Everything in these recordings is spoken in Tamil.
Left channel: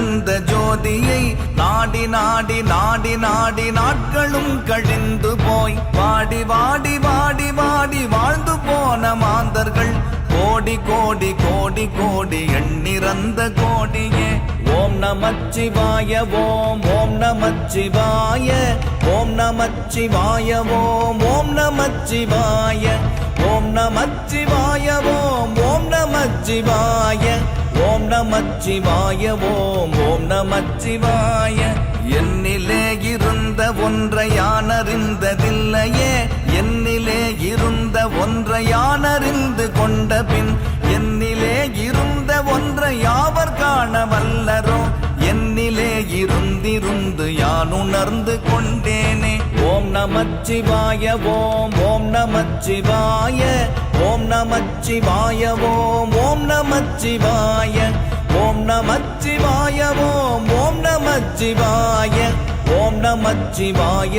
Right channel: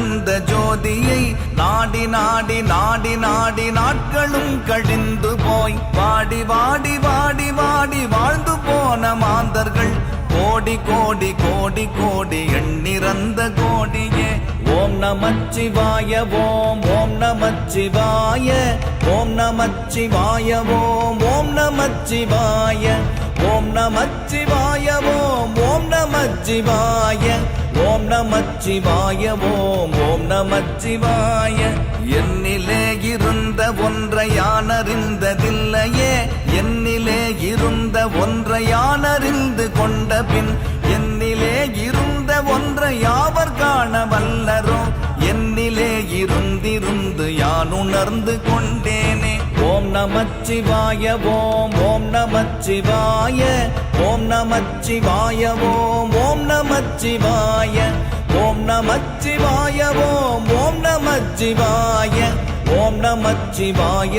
பிறந்த ஜோதியை நாடி நாடி நாடி நாடி நாட்களும் கழிந்து போய் வாடி வாடி வாடி நான் அறிந்ததில்லையே என்னிலே இருந்த ஒன்றை யானறிந்து கொண்ட பின் என்னிலே இருந்த ஒன்றை யாவர் காண வல்லரோ என்னிலே இருந்திருந்து யான் உணர்ந்து கொண்டேனே. ஓம் நமச்சிவாய ஓம் ஓம் நமச்சிவாய.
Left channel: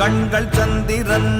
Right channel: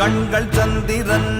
கண்கள் சந்திரன்.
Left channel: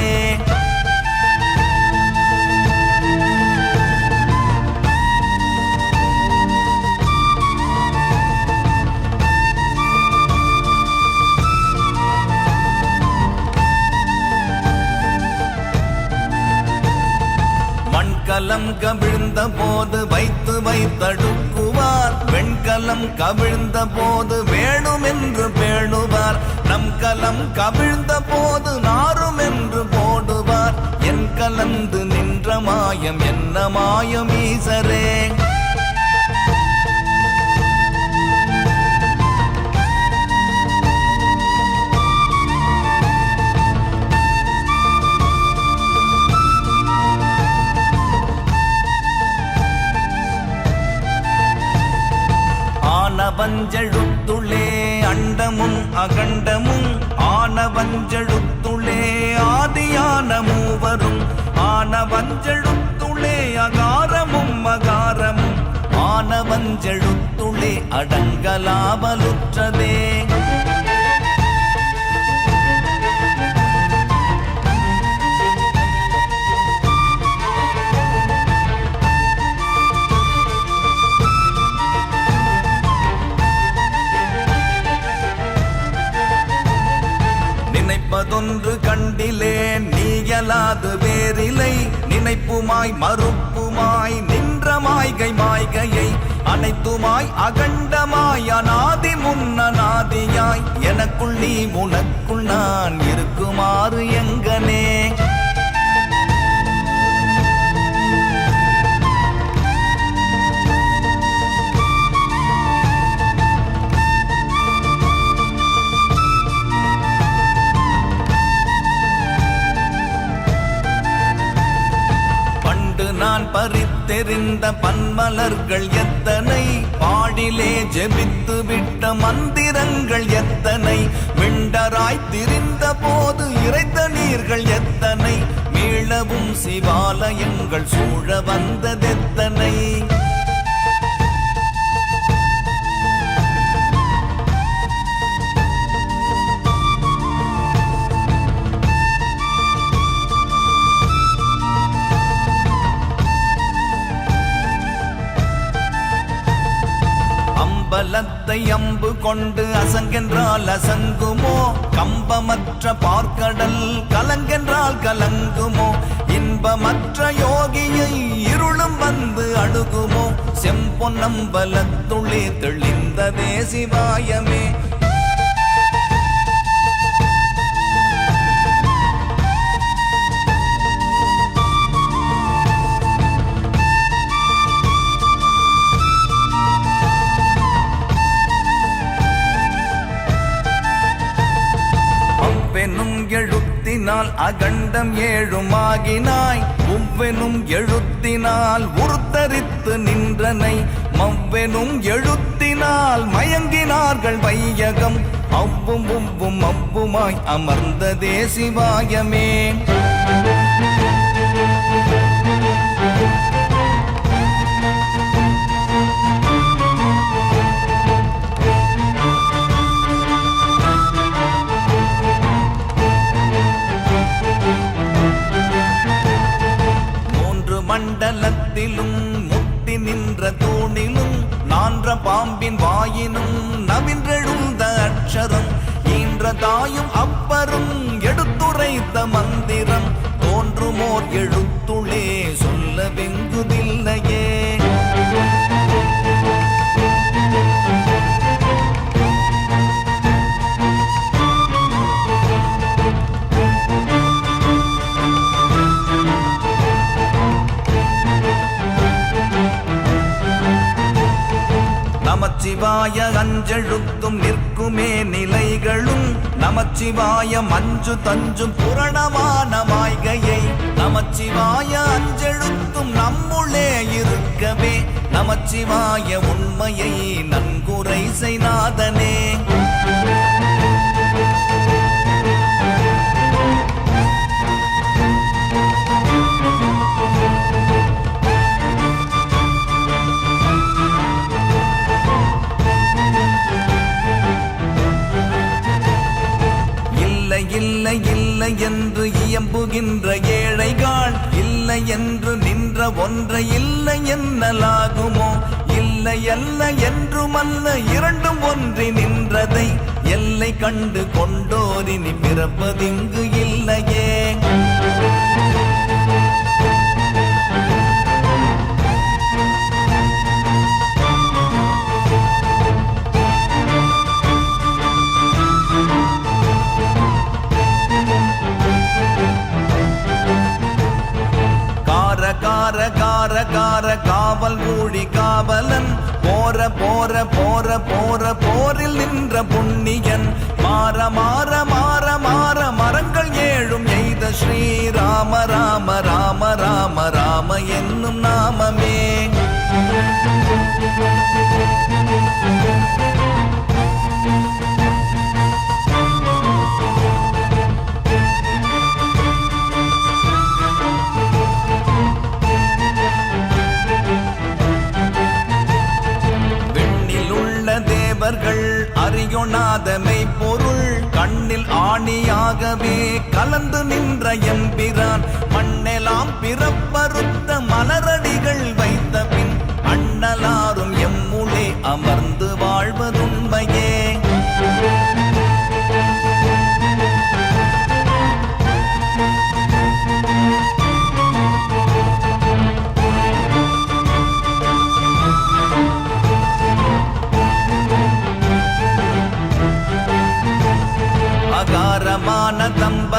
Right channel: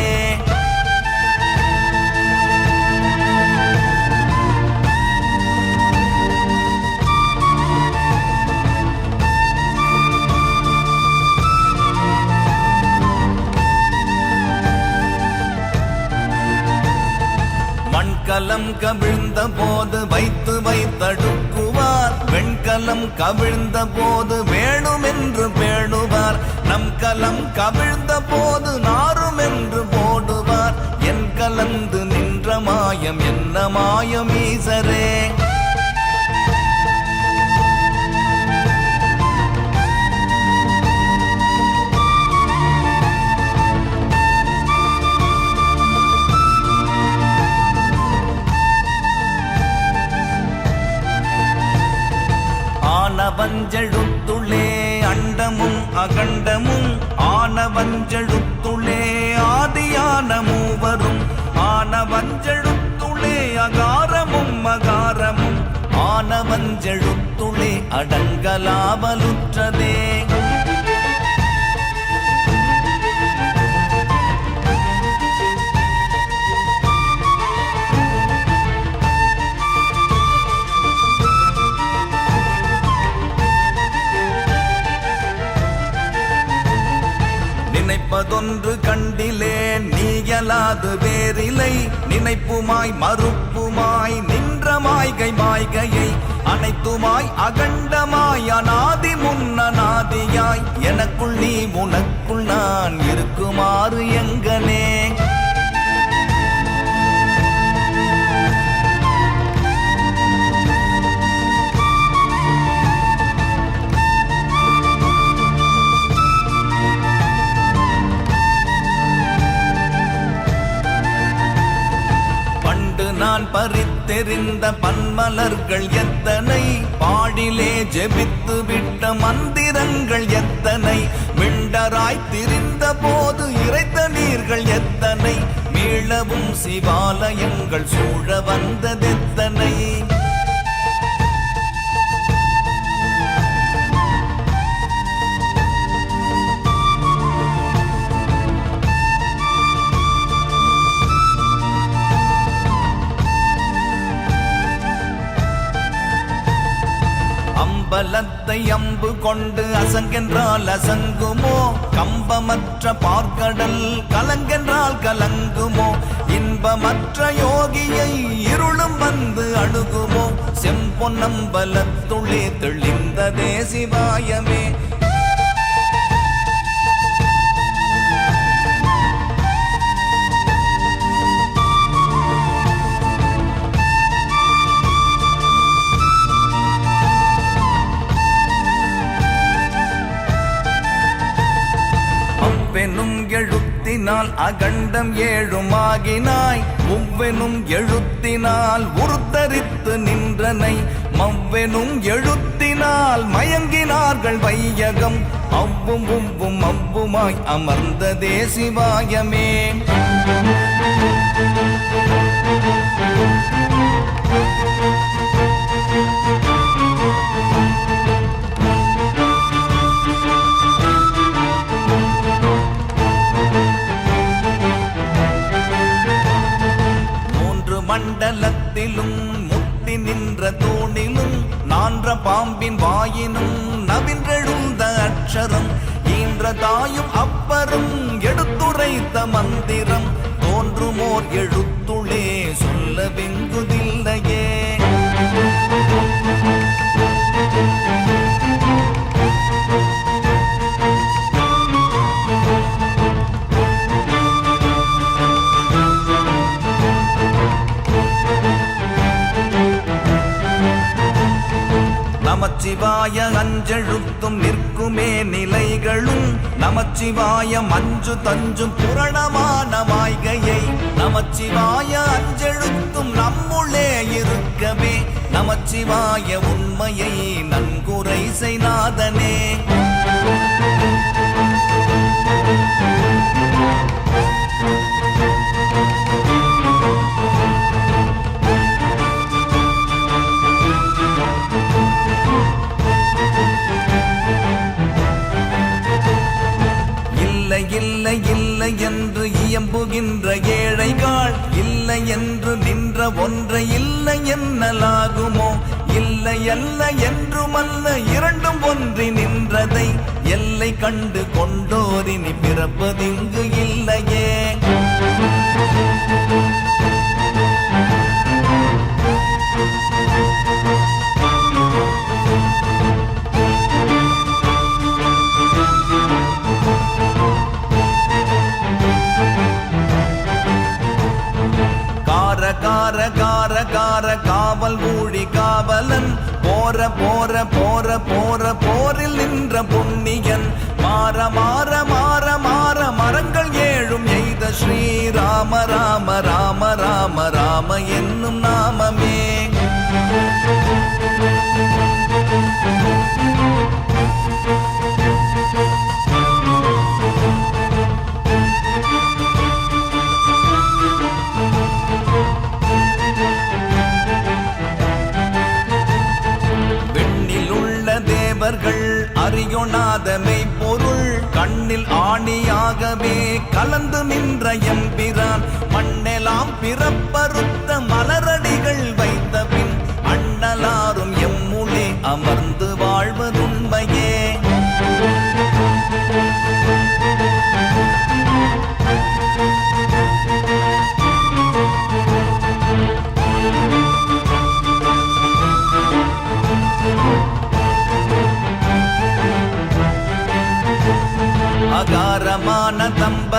காலம் கவிழ்ந்த போது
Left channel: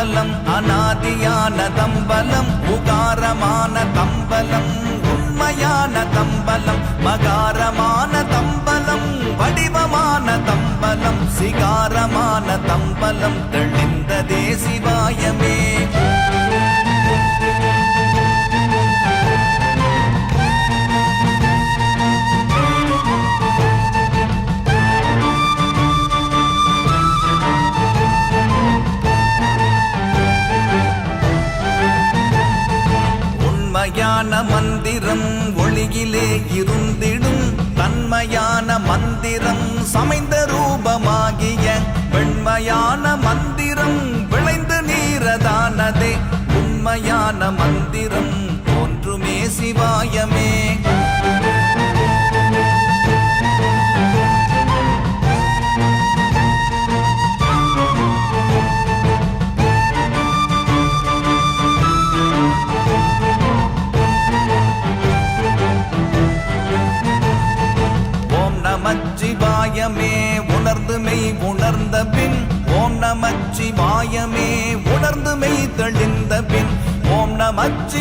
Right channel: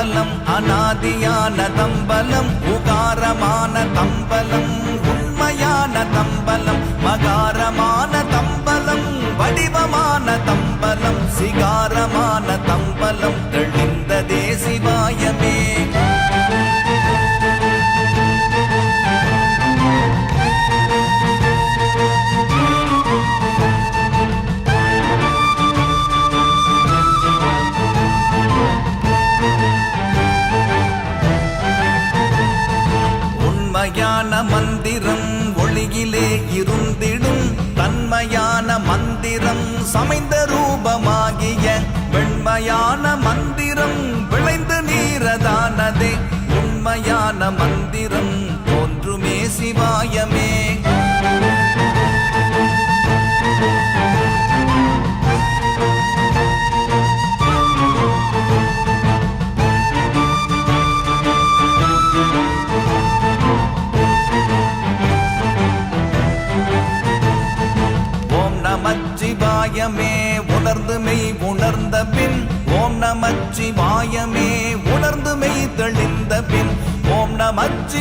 தம்பலம் அநாதியான தம்பலம். மாயமே உணர்ந்து மெய் தெளிந்த பின் ஓம் நமச்சி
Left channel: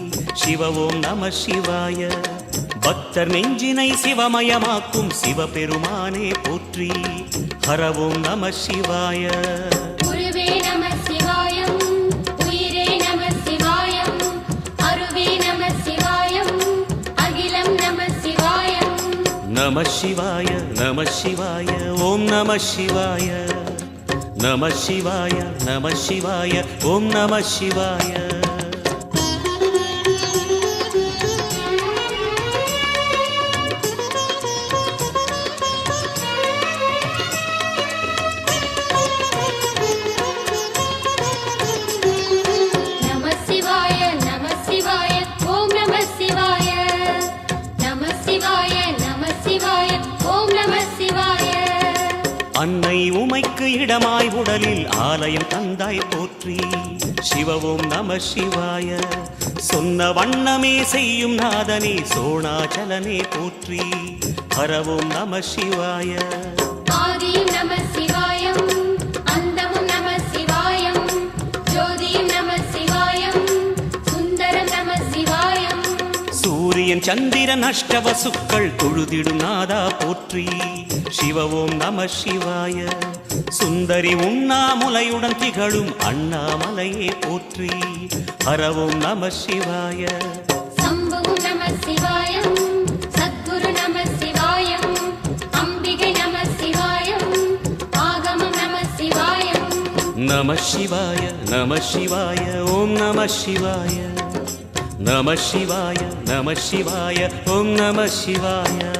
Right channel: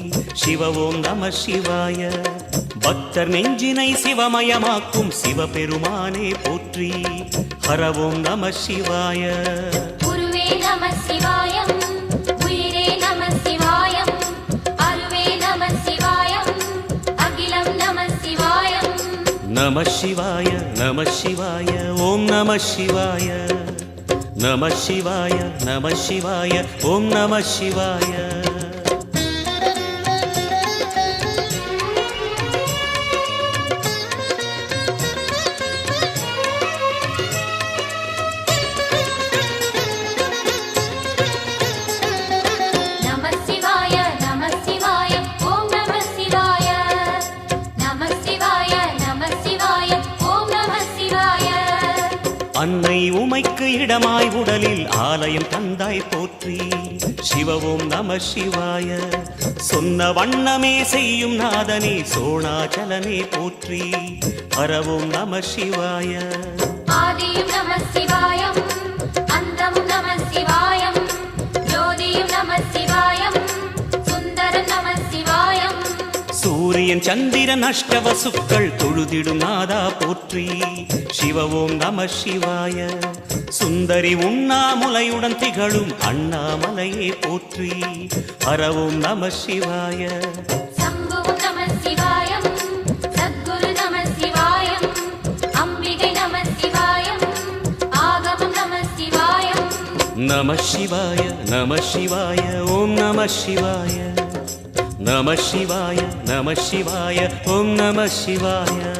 சிவவோம் நம சிவாய பக்தர் நெஞ்சினை சிவமயமாக்கும் சிவபெருமானே போற்றி ஹரவோம் நம சிவாய குருவே நம சிவாயம் உயிரே நம சிவாயம் அருவே நம சிவாயம் அகிலம் நம சிவாயம் நம சிவாய நம சிவாய ஓம் நம சிவாய நம சிவாய நம சிவாய ஓம் நம சிவாய உமைக்கு இடமாய் உடலில் ஆலயம் தந்தாய் போற்றி. சிவவும் நம சிவாய. சொன்ன வண்ணமே செய்யும் நாதனே சோணாச்சலனே போற்றி. ஹரவும் நம சிவாய. சூரியன் சந்திரன் அஷ்டவசுக்கள் தொழுதிடும் நாதா போற்றி. சிவவோம் நம சிவாய. சுந்தரி உண்ணாமுலையுடன் திகழும் அண்ணாமலையே போற்றி. ஹரவோம் நம சிவாய. நம சிவாய நம சிவாய ஓம் நம சிவாய. நம சிவாய நம சிவாய ஓம் நம சிவாய.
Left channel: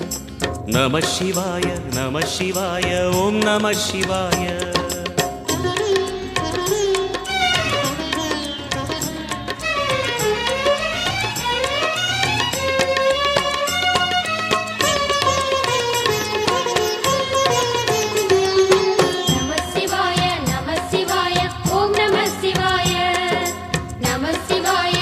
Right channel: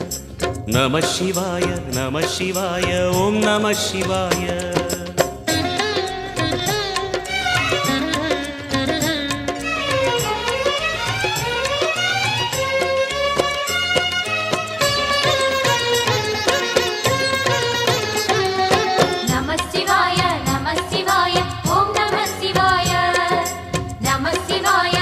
நம சிவாய நம சிவாய ஓம் நம சிவாய நம சிவாய